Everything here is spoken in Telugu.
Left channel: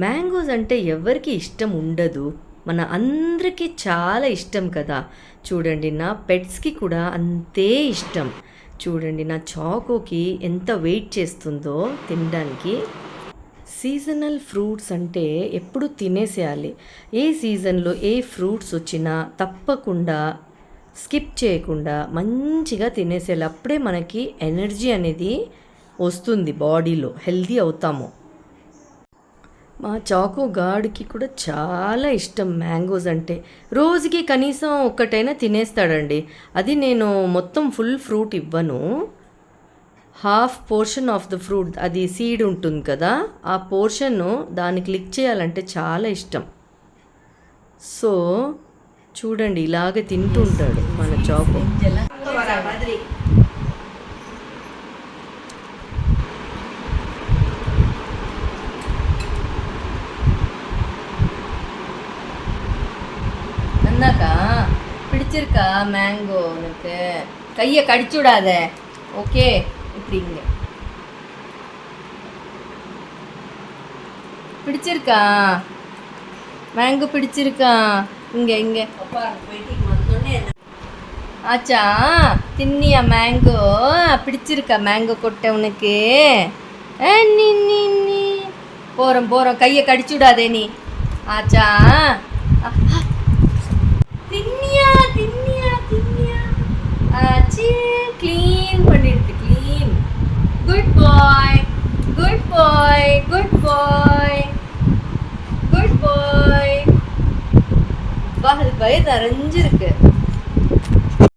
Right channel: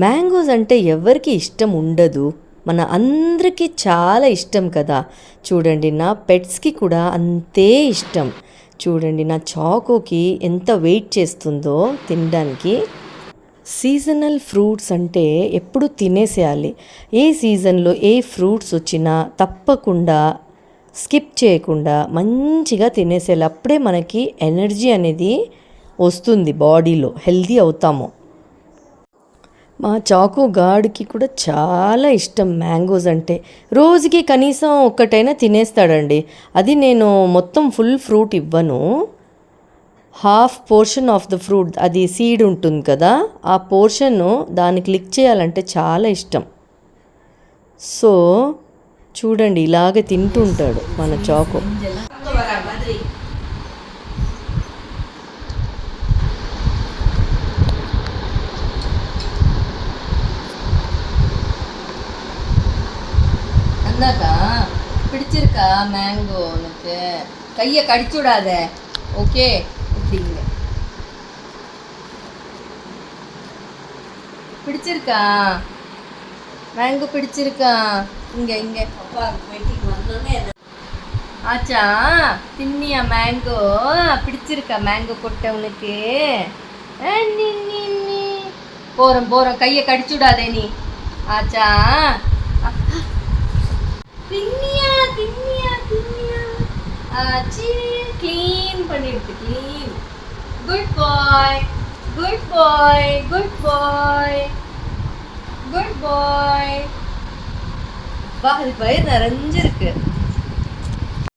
మ్యాంగోస్ అంటే ఎవరికి ఇష్టం ఉండదు? మన అందరికీ చాలా ఇష్టం కదా! చూడండి నా పెట్స్‌కి కూడా అంతే ఇష్టం. చూడండి నా చాకోకి ఎంత వెయిట్ చేస్తుందో తినడానికి. సీజనల్ ఫ్రూట్స్ అంటే ఎప్పుడు తినేసేయాలి. ఏ సీజన్‌లో ఏ ఫ్రూట్స్ వచ్చినా తప్పకుండా స్కిప్ చేయకుండా మంచిగా తినేసేయాలి. అప్పుడే మనకి ఎనర్జీ అనేది వస్తుంది బాడీలో. హెల్తీ అవుతాము. మా చాకో గాడికి కూడా చాలా ఇష్టం మ్యాంగోస్ అంటే. రోజుకి కనీసం ఒక్కటైనా తినేస్తాడండి. అది నేను మొత్తం ఫుల్ ఫ్రూట్ ఇవ్వను. Half portion of the fruit, అది సీడ్ ఉంటుంది కదా, ఆ పోర్షన్ను దాన్ని క్లిక్ చేయాలంటే చాలా ఇష్టం. సో చూడండి ఇలాగే తింటుంటాడు మన చాకో. அந்தாக்கா பிடிச்சிருக்கா மேங்கோ உனக்கு? கையை கடிச்சு விடாத. ஓகே, இப்படிங்க. பிடிச்சிருக்கா மேங்கோ? பிடிச்சிருக்கா? இங்கே இங்கே ஆச்சா தின்னியா மேங்கோ? பிடிச்சிருக்கா மேங்கோ கொட்டை உனக்கு? நீ நீ நீ போகிறோம் போகிறோம், கையை கடிச்சு விடாதே நீ. ஆச்சா தின்னியா தின்னியா தின்னியா? ஆச்சு, க்ளீன் பண்ணிருக்கு, clean. Good bye good bye good bye good பாய். வா, அது வயிறு நிறைஞ்சிருக்கு.